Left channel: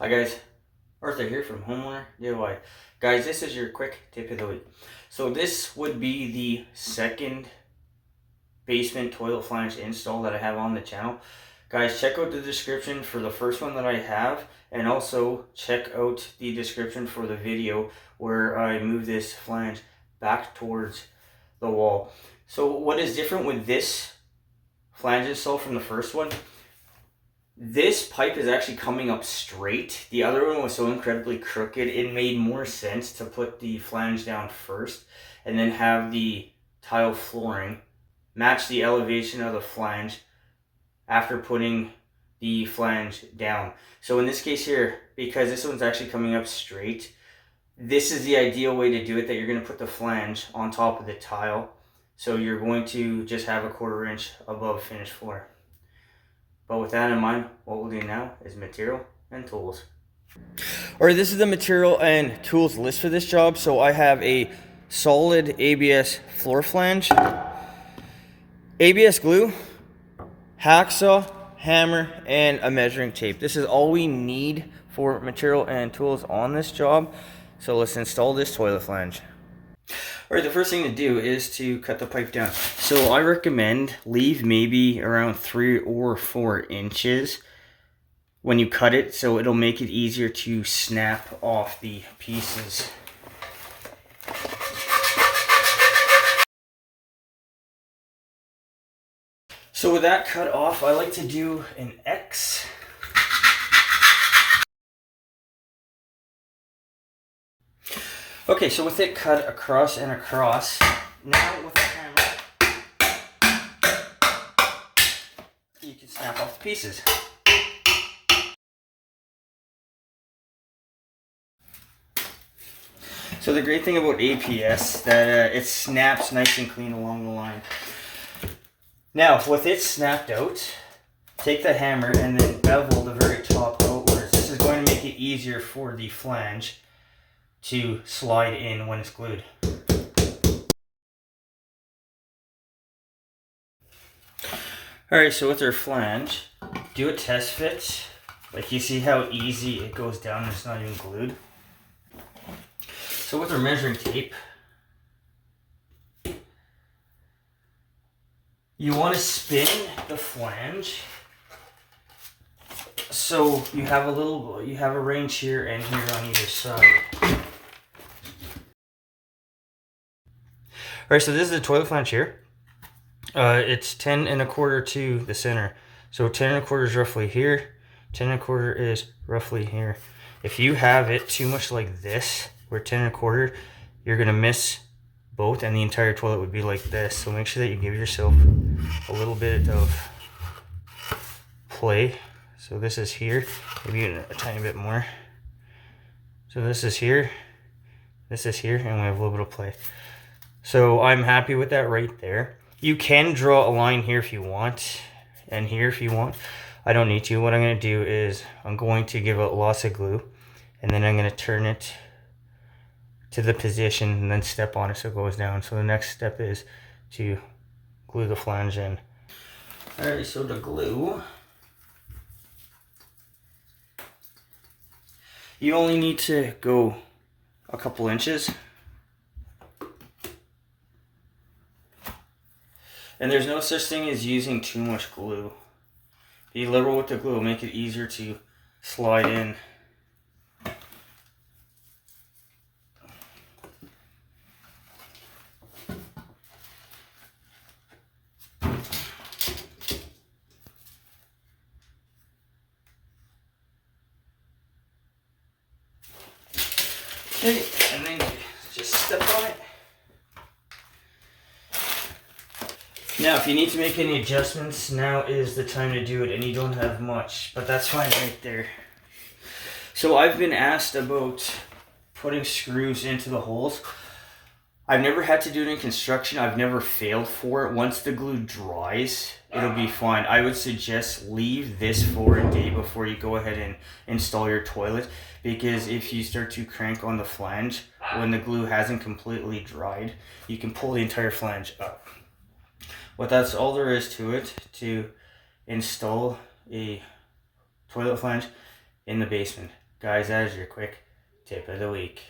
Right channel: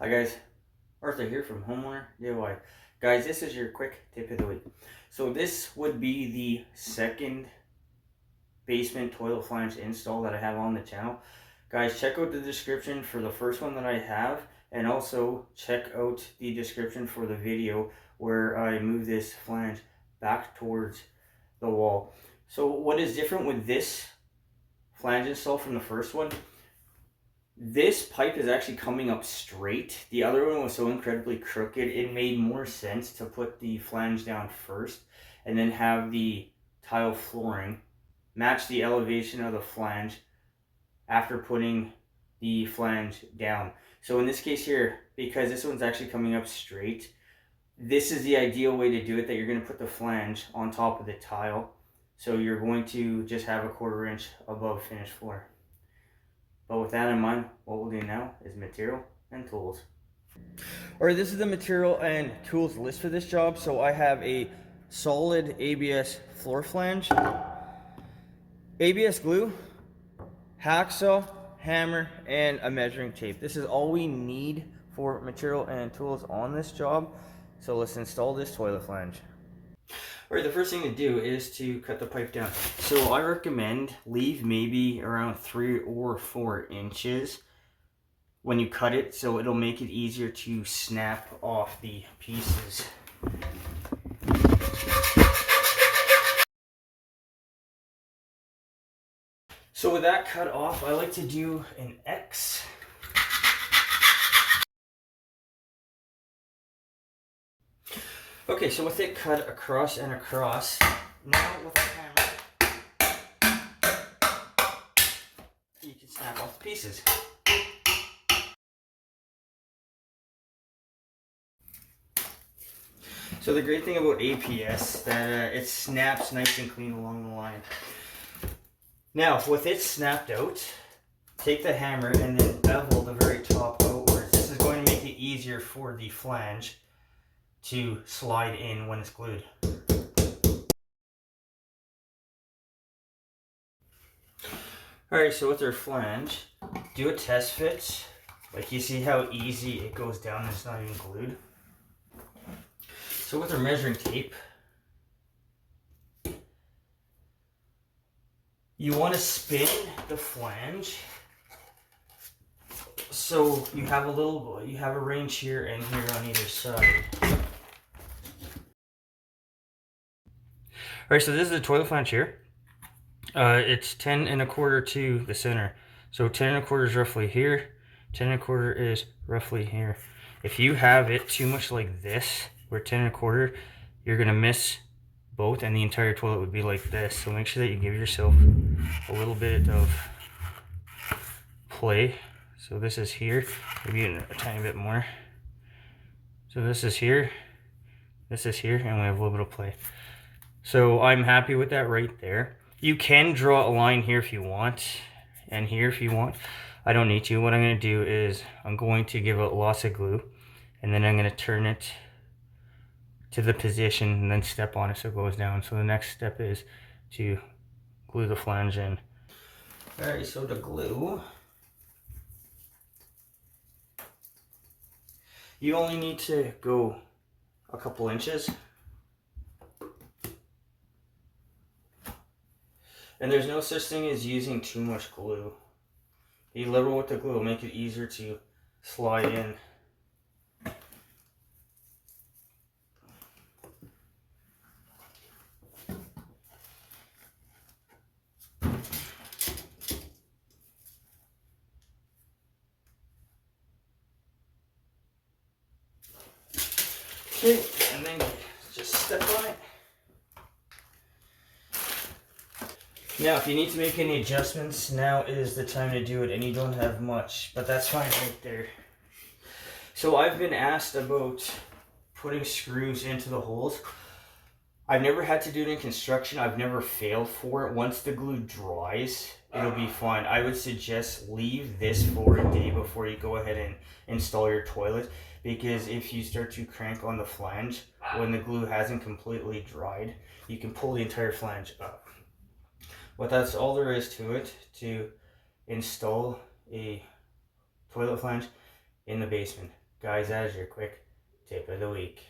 Hi guys, Arthur here from Homeowner DIY. Guys, this is your quick tip of the week. So this would be the second basement toilet flange install that I have on the channel. Guys, check out the description for the first one that I have, and also check out the description for the video where I move this flange back towards the wall. So what is different with this flange install from the first one? This pipe is actually coming up straight. The other one was so incredibly crooked, it made more sense to put the flange down first and then have the tile flooring match the elevation of the flange after putting the flange down. So in this case here, because this one's actually coming up straight, this is the ideal way to do it, that you're going to put the flange on top of the tile. So you're going to just have a 1/4 inch above finished floor. But with that in mind, what we'll do now is material and tools. Alright, this is the material and tools list for this job. So I have a solid ABS floor flange, ABS glue, hacksaw, hammer, and a measuring tape. This is all we need for material and tools on this job. So let's install this toilet flange. Alright, the first thing to do is to cut the pipe down. So I recommend leave maybe around 3 or 4 inches when you cut it, so it'll make it easier to snap off the pieces. So with that cut off, I like to do an X. Okay, so with it cut across and across, now with a hammer, you can snap off the pieces. So the great thing about APS, that it snaps nice and clean along the line. Now, with it snapped out, take the hammer and then bevel the very top outwards. This is going to make it easier for the flange to slide in when it's glued. Alright, so with our flange, do a test fit. Like, you see how easy it goes down and it's not even glued. So with our measuring tape, you want to spin the flange so you have a range here and here on either side. Alright, so this is the toilet flange here. It's 10 1/4 to the center. So 10 1/4 is roughly here, 10 1/4 is roughly here. If you have it too much like this, where 10 1/4, you're gonna miss both and the entire toilet would be like this. So make sure that you give yourself a little bit of play. So this is here, maybe a tiny bit more. So this is here, and we have a little bit of play. So I'm happy with that right there. You can draw a line here if you want, and here if you want. I don't need to. What I'm going to do is I'm going to give it lots of glue, and then I'm going to turn it to the position and then step on it so it goes down. So the next step is to glue the flange in. Alright, so to glue, you only need to go a couple inches. And there's no such thing as using too much glue. Be liberal with the glue, it'll make it easier to slide in. Okay, and then just step on it. Now, if you need to make any adjustments, now is the time to do it, and you don't have much, but that's fine right there. So I've been asked about putting screws into the holes. I've never had to do it in construction. I've never failed for it. Once the glue dries, it'll be fine. I would suggest leave this for a day before you go ahead and install your toilet, because if you start to crank on the flange when the glue hasn't completely dried, you can pull the entire flange up. But that's all there is to it, to install a toilet flange in the basement. Guys, that is your quick tip of the week.